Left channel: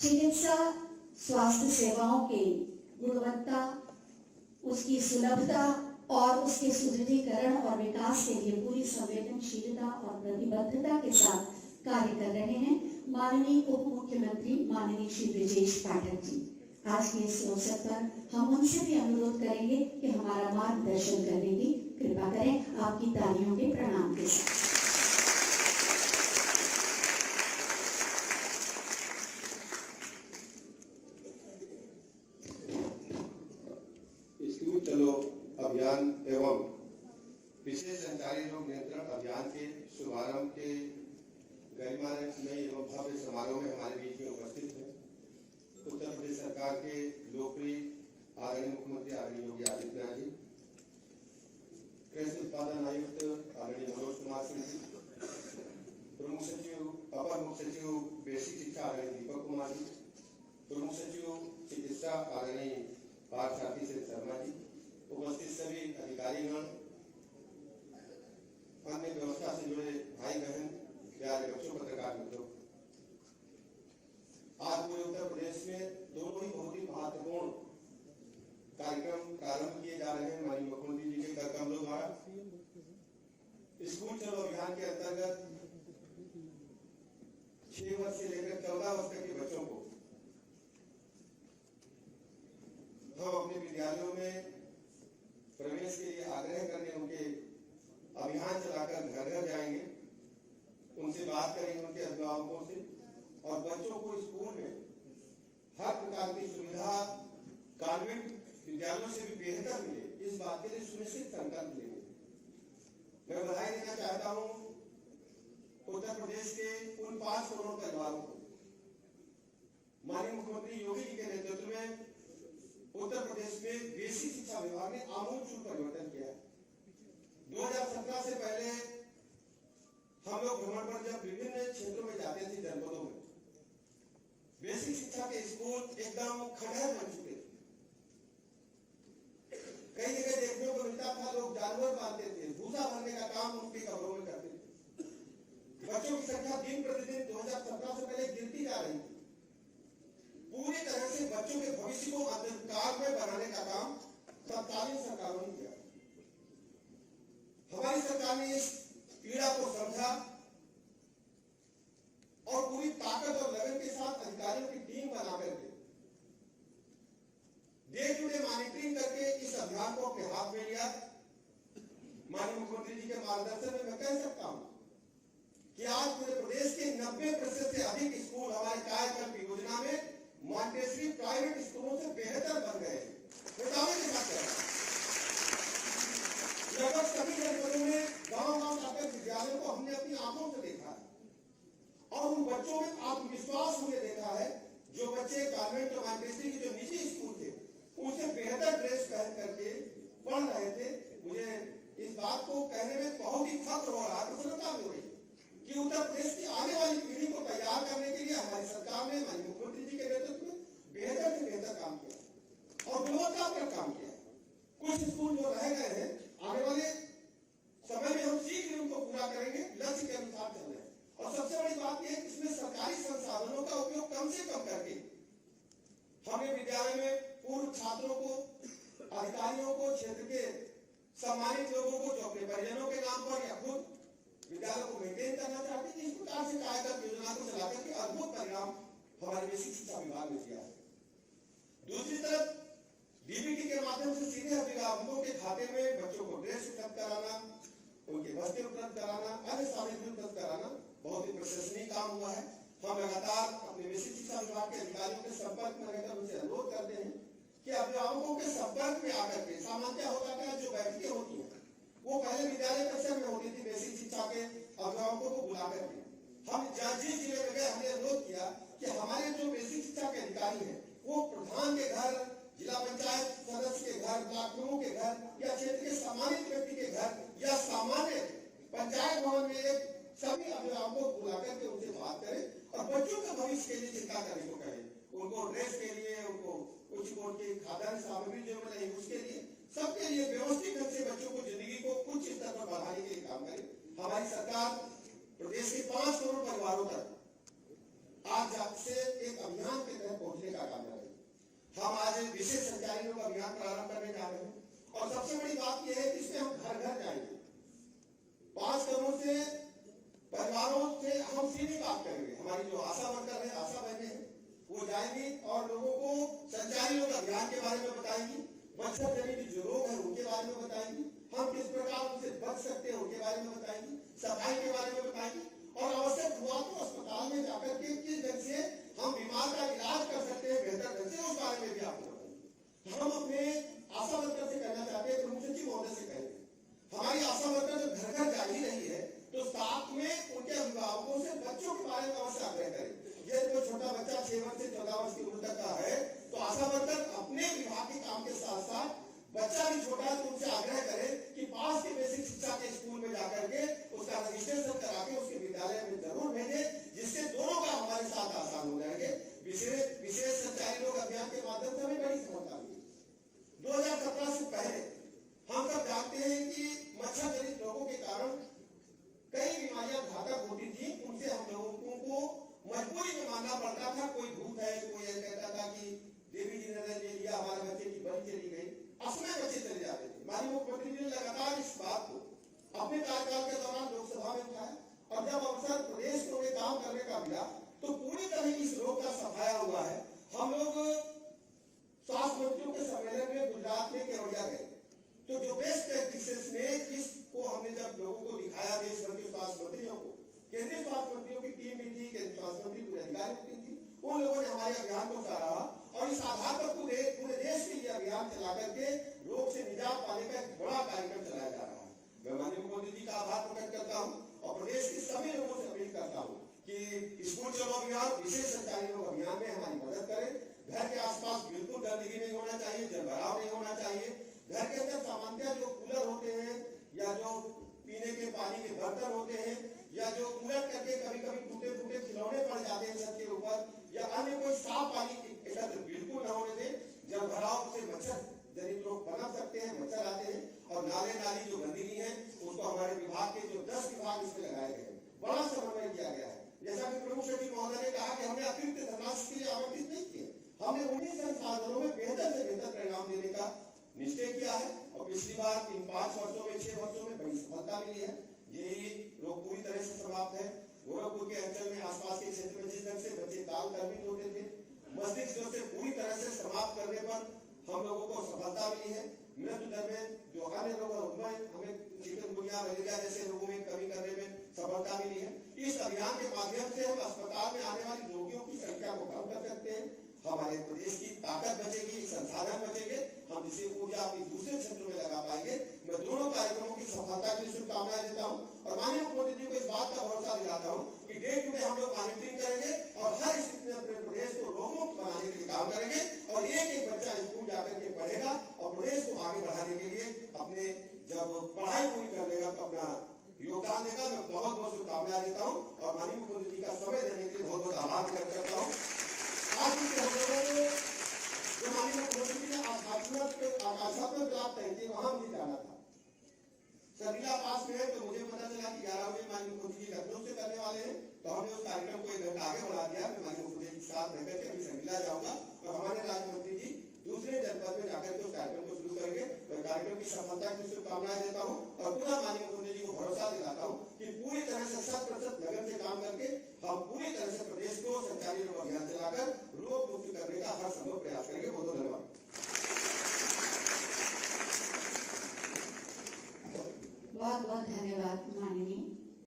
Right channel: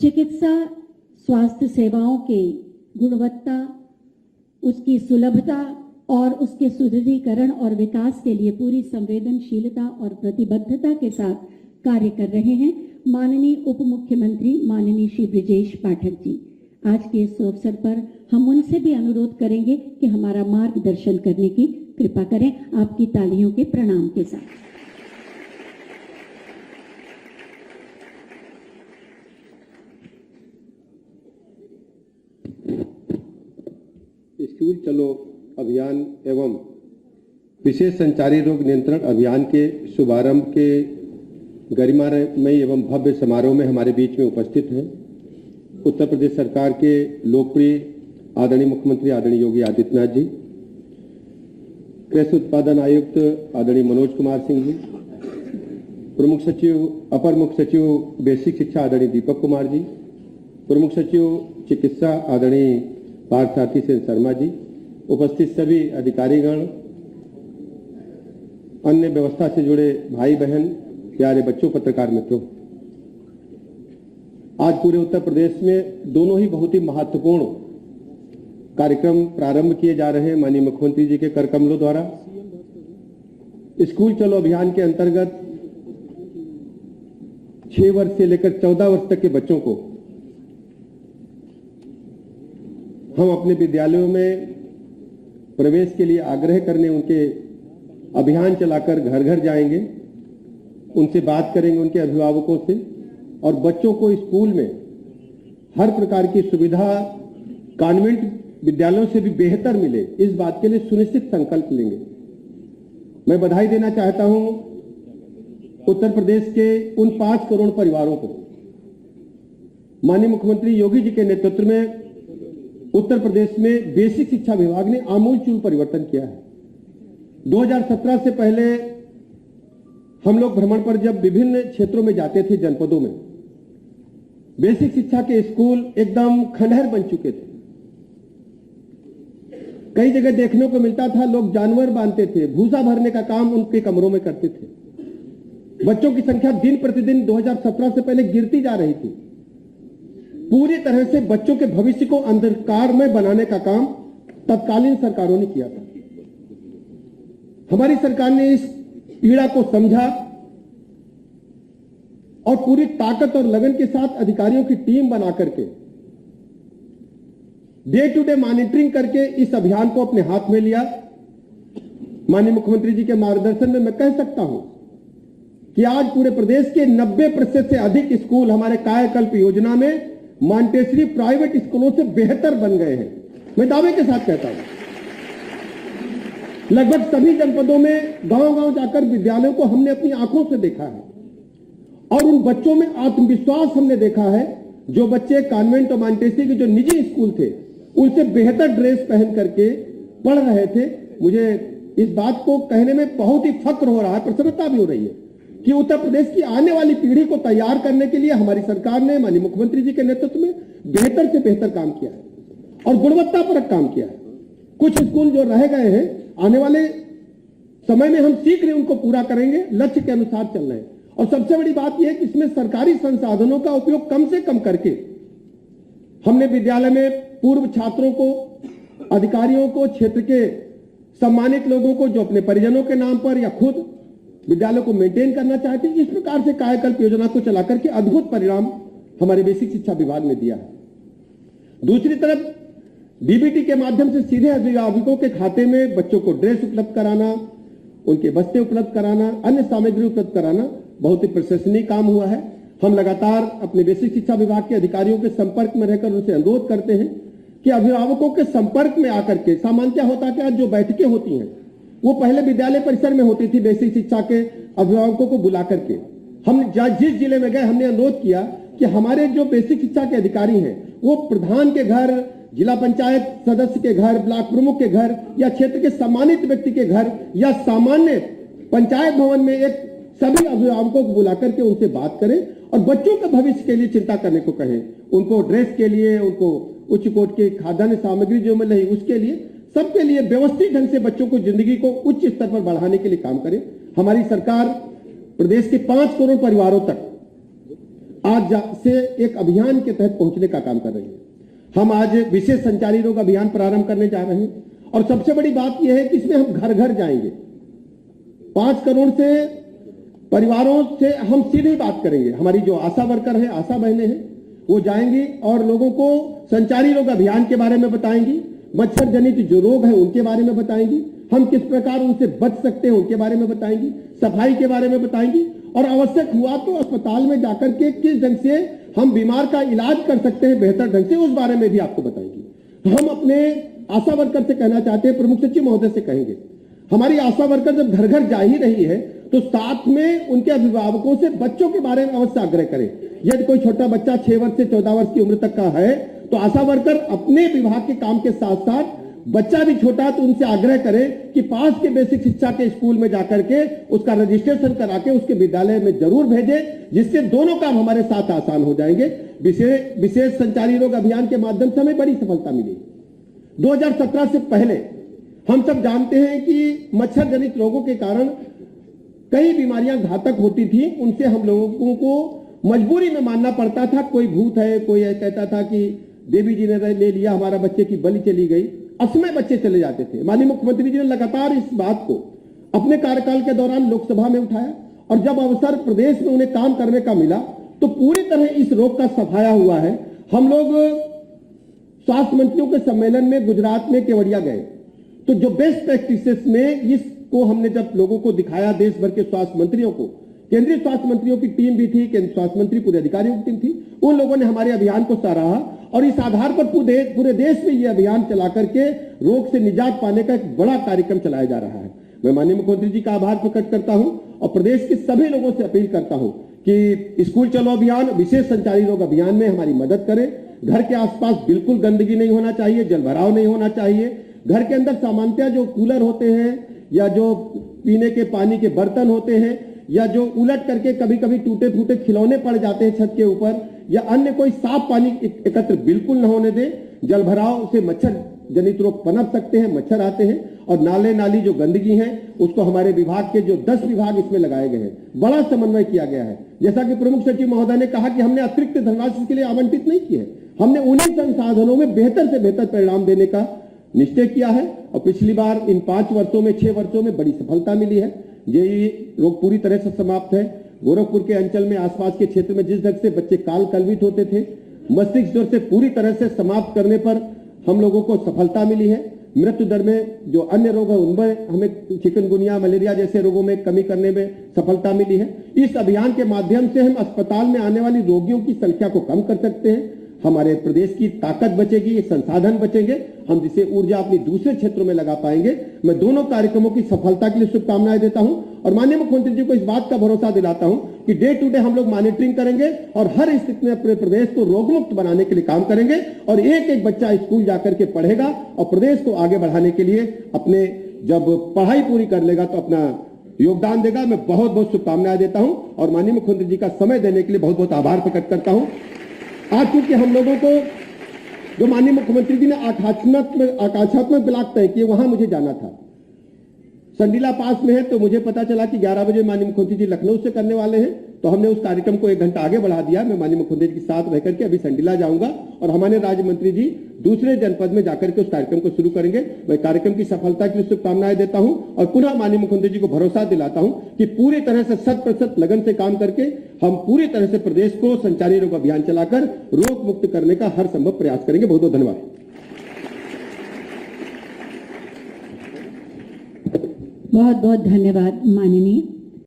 चिकित्सा स्वास्थ्य सेवाओं के गुणवत्ता, उसकी सुलभता और उसके सुदृढ़ीकरण और विकास के लिए पूरी संवेदनशीलता और प्रतिबद्धता के साथ कार्य कर रहे हैं माननीय उप मुख्यमंत्री माननीय श्री ब्रजेश पाठक जी। आज के इस अवसर पर हम उनसे भी अनुरोध करेंगे कि हमारा मार्गदर्शन करने की कृपा करें, आपकी तालियों के प्रणाम के साथ। स्कूल चलो अभियान एवं विशेष संचारी रोग नियंत्रण अभियान के शुभारंभ के गरिमामय एवं भव्य समारोह में हमारे बीच में उपस्थित हैं उत्तर प्रदेश सरकार के लोकप्रिय आदरणीय मुख्यमंत्री आदरणीय योगी आदित्यनाथ जी, कृषि उत्पादन आयुक्त आदरणीय मनोज कुमार सिंह जी, प्रमुख सचिव अपर मुख्य सचिव बेसिक शिक्षा आदरणीय दीपक कुमार जी, प्रमुख सचिव चिकित्सा आदरणीय पार्थसारथी सेन शर्मा जी, उपस्थित सभी अधिकारीगण, अन्य व्यवस्था से जुड़े भाई बहन, प्यारे बच्चों, पत्रकार मित्रों, आज पूरे उत्तर प्रदेश में दोनों ही बहुत ही महत्वपूर्ण कार्यक्रम प्रारंभ किए जा रहे हैं माननीय मुख्यमंत्री जी के कर कमलों द्वारा। स्कूल चलो अभियान के अंतर्गत 6 वर्ष से लेकर 14 वर्ष तक के बच्चों को हम अपने विद्यालयों में प्रवेश के लिए आग्रह करने उनके अभियान चलाकर घर घर जाएंगे, उनसे बात करेंगे, उनके अभिभावकों से, और बच्चों को स्कूल में हर प्रकार की सुविधा कॉन्वेंट विद्यालयों से भी बेहतर मिले, इस बात के लिए सुनिश्चित संकल्प लेंगे। मैं बधाई देना चाहता हूं उत्तर प्रदेश के उन 5 करोड़ परिवारों को। माननीय मुख्यमंत्री योगी जी के नेतृत्व में उत्तर प्रदेश में बेसिक शिक्षा विभाग ने आमूलचूल परिवर्तन किया है। 2017 से पहले हम लोग भ्रमण पर जब विभिन्न क्षेत्रों में जाते थे, जनपदों में बेसिक शिक्षा के स्कूल एकदम खंडहर बन चुके थे। कई जगह देखने को मिलता था लोग जानवर बांधते थे, भूसा भरने का काम उनके कमरों में करते थे। बच्चों की संख्या दिन प्रतिदिन 2017 से पहले गिरती जा रही थी। पूरी तरह से बच्चों के भविष्य को अंधकार में बनाने का काम तत्कालीन सरकारों ने किया था। हमारी सरकार ने इस पीड़ा को समझा और पूरी ताकत और लगन के साथ अधिकारियों की टीम बना करके डे टू डे मॉनिटरिंग करके इस अभियान को अपने हाथ में लिया। माननीय मुख्यमंत्री जी के मार्गदर्शन में मैं कह सकता हूं कि आज पूरे प्रदेश के 90% से अधिक स्कूल हमारे कायाकल्प योजना में मॉन्टेसरी प्राइवेट स्कूलों से बेहतर बन गए हैं। मैं दावे के साथ कहता हूं, लगभग सभी जनपदों में गांव-गांव जाकर विद्यालयों को हमने अपनी आंखों से देखा है और उन बच्चों में आत्मविश्वास हमने देखा है। जो बच्चे कॉन्वेंट और मॉन्टेसरी के जो निजी स्कूल थे उनसे बेहतर ड्रेस पहन करके पढ़ रहे थे। मुझे इस बात को कहने में बहुत ही फक्र हो रहा है, प्रसन्नता भी हो रही है कि उत्तर प्रदेश की आने वाली पीढ़ी को तैयार करने के लिए हमारी सरकार ने माननीय मुख्यमंत्री जी के नेतृत्व में बेहतर से बेहतर काम किया है और गुणवत्तापरक काम किया है। कुछ स्कूल जो रह गए हैं, आने वाले समय में हम शीघ्र उनको पूरा करेंगे, लक्ष्य के अनुसार चल रहे हैं। और सबसे बड़ी बात यह है कि इसमें सरकारी संसाधनों का उपयोग कम से कम करके हमने विद्यालय में पूर्व छात्रों को, अधिकारियों को, क्षेत्र के सम्मानित लोगों को जो अपने परिजनों के नाम पर या खुद विद्यालय को मेंटेन करना चाहते हैं, इस प्रकार से कायाकल्प योजना को चला करके अद्भुत परिणाम हमारे बेसिक शिक्षा विभाग ने दिया है। दूसरी तरफ डीबीटी के माध्यम से सीधे अभिभावकों के खाते में बच्चों को ड्रेस उपलब्ध कराना, उनके बस्ते उपलब्ध कराना, अन्य सामग्री उपलब्ध कराना बहुत ही प्रशंसनीय काम हुआ है। हम लगातार अपने बेसिक शिक्षा विभाग के अधिकारियों के संपर्क में रहकर उनसे अनुरोध करते हैं कि अभिभावकों के संपर्क में आकर के, सामान्यतः होता क्या, जो बैठकें होती हैं वो पहले विद्यालय परिसर में होती थी, बेसिक शिक्षा के अभिभावकों को बुला करके हम जिस जिले में गए हमने अनुरोध किया कि हमारे जो बेसिक शिक्षा के अधिकारी हैं वो प्रधान के घर, जिला पंचायत सदस्य के घर, ब्लॉक प्रमुख के घर या क्षेत्र के सम्मानित व्यक्ति के घर या सामान्य पंचायत भवन में एक सभी अभिभावकों को बुला करके उनसे बात करें और बच्चों के भविष्य के लिए चिंता करने को कहें। उनको ड्रेस के लिए, उनको उच्च कोटि की खाद्यान्न सामग्री जो मिल रही उसके लिए, सबके लिए व्यवस्थित ढंग से बच्चों को जिंदगी को उच्च स्तर पर बढ़ाने के लिए काम करें। हमारी सरकार प्रदेश के 5 करोड़ परिवारों तक आज से एक अभियान के तहत पहुंचने का काम कर रही है। हम आज विशेष संचारी रोग अभियान प्रारंभ करने जा रहे हैं और सबसे बड़ी बात यह है कि इसमें हम घर घर जाएंगे। 5 करोड़ से परिवारों से हम सीधे बात करेंगे। हमारी जो आशा वर्कर है, आशा बहनें हैं, वो जाएंगी और लोगों को संचारी रोग अभियान के बारे में बताएंगी, मच्छर जनित जो रोग है उनके बारे में बताएंगी, हम किस प्रकार उनसे बच सकते हैं उनके बारे में बताएंगी, सफाई के बारे में बताएंगी और आवश्यक हुआ तो अस्पताल में जाकर के किस ढंग से हम बीमार का इलाज कर सकते हैं बेहतर ढंग से, उस बारे में भी आपको बताएंगे। हम अपने आशा वर्कर से कहना चाहते हैं, प्रमुख सचिव महोदय से कहेंगे, हमारी आशा वर्कर जब घर घर जा ही रही है तो साथ में उनके अभिभावकों से बच्चों के बारे में अवश्य आग्रह करें। यदि कोई छोटा बच्चा 6 वर्ष से 14 वर्ष की उम्र तक का है तो आशा वर्कर अपने विभाग के काम के साथ साथ बच्चा भी छोटा तो उनसे आग्रह करें कि पास के बेसिक शिक्षा के स्कूल में जाकर के उसका रजिस्ट्रेशन करा के उसके विद्यालय में जरूर भेजें, जिससे दोनों काम हमारे साथ आसान हो जाएंगे। विशेष संचारी रोग अभियान के माध्यम से हमें बड़ी सफलता मिली। 2017 से पहले हम सब जानते हैं कि मच्छर जनित रोगों के कारण कई बीमारियां घातक होती थी। उनसे हम लोगों को मजबूरी में मानना पड़ता था, कोई भूत है, कोई कहता था कि देवी जी ने ले लिया, हमारा बच्चे की बलि चली गई, असमय बच्चे चले जाते थे। माननीय मुख्यमंत्री जी ने लगातार इस बात को अपने कार्यकाल के दौरान लोकसभा में उठाया और जब अवसर प्रदेश में उन्हें काम करने का मिला तो पूरी तरह इस रोग का सफाया हुआ है। हम लोग स्वास्थ्य मंत्रियों के सम्मेलन में गुजरात में केवड़िया गए तो जो बेस्ट प्रैक्टिसेस में इसको हमने जब लोगों को दिखाया, देश भर के स्वास्थ्य मंत्रियों को, केंद्रीय स्वास्थ्य मंत्रियों की टीम भी थी, केंद्रीय स्वास्थ्य मंत्री पूरे अधिकारियों की टीम थी, उन लोगों ने हमारे अभियान को सराहा और इस आधार पर पूरे देश में यह अभियान चला करके रोग से निजात पाने का एक बड़ा कार्यक्रम चलाया जा रहा है। मैं माननीय मुख्यमंत्री जी का आभार प्रकट करता हूं और प्रदेश के सभी लोगों से अपील करता हूं कि स्कूल चलो अभियान, विशेष संचारी रोग अभियान में हमारी मदद करें। घर के आसपास बिल्कुल गंदगी नहीं होना चाहिए, जल भराव नहीं होना चाहिए। घर के अंदर सामान्यतः जो कूलर होते हैं या जो पीने के पानी के बर्तन होते हैं या जो उलट करके कभी कभी टूटे फूटे खिलौने पड़ जाते हैं छत के ऊपर या अन्य कोई साफ पानी एकत्र बिल्कुल न होने दें। जल भराव से मच्छर जनित रोग पनप सकते हैं, मच्छर आते हैं और नाले नाली जो गंदगी है उसको हमारे विभाग के जो 10 विभाग इसमें लगाए गए हैं, बड़ा समन्वय किया गया है। जैसा कि प्रमुख सचिव महोदय ने कहा कि हमने अतिरिक्त धनराशि के लिए आवंटित नहीं की है, हमने उन्हीं संसाधनों में बेहतर से बेहतर परिणाम देने का निश्चय किया है और पिछली बार इन 5 वर्षों में 6 वर्षों में बड़ी सफलता मिली है। ये रोग पूरी तरह से समाप्त है। गोरखपुर के अंचल में आसपास के क्षेत्र में जिस ढंग से बच्चे काल कलवित होते थे, मस्तिष्क ज्वर से पूरी तरह से समाप्त करने पर हम लोगों को सफलता मिली है। मृत्यु दर में जो अन्य रोग है उनमें हमें चिकनगुनिया, मलेरिया जैसे रोगों में कमी करने में सफलता मिली है। इस अभियान के माध्यम से हम अस्पताल में आने वाली रोगियों की संख्या को कम कर सकते हैं, हमारे प्रदेश की ताकत बचेगी, संसाधन बचेंगे, हम जिसे ऊर्जा अपनी दूसरे क्षेत्रों में लगा पाएंगे। मैं दोनों कार्यक्रमों की सफलता के लिए शुभकामनाएं देता हूं और माननीय मुख्यमंत्री जी को इस बात का भरोसा दिलाता हूं कि डे टू डे हम लोग मॉनिटरिंग करेंगे और हर स्थिति में अपने प्रदेश को रोग मुक्त बनाने के लिए काम करेंगे और एक एक बच्चा स्कूल जाकर के पढ़ेगा और प्रदेश को आगे बढ़ाने के लिए अपने जब पढ़ाई पूरी कर लेगा तो अपना योगदान देगा। मैं बहुत बहुत शुभकामनाएं देता हूं और माननीय मुख्यमंत्री जी का समय देने के लिए बहुत बहुत आभार प्रकट करता हूं। आज चूंकि हम लोगों को जो माननीय मुख्यमंत्री जी ने आकांक्षात्मक ब्लॉक तय किए, वहां मुझे जाना था। संडीला पास में है तो मुझे पता चला कि 11 बजे माननीय मुख्यमंत्री जी लखनऊ से करने वाले हैं, तो हमने उस कार्यक्रम को 1 घंटा आगे बढ़ा दिया। मैं माननीय मुख्यमंत्री जी के साथ रह करके अभी संडीला जाऊंगा और हमारे राज्य मंत्री जी दूसरे जनपद में जाकर के उस कार्यक्रम को शुरू करेंगे। मैं कार्यक्रम की सफलता के लिए शुभकामनाएं देता हूं और पुनः माननीय मुख्यमंत्री जी को भरोसा दिलाता हूं कि पूरी तरह से 100% लगन से काम करके हम पूरी तरह से प्रदेश को संचारी रोग अभियान चलाकर रोग मुक्त करने का हर संभव प्रयास करेंगे। बहुत बहुत धन्यवाद। बहुत बहुत धन्यवाद माननीय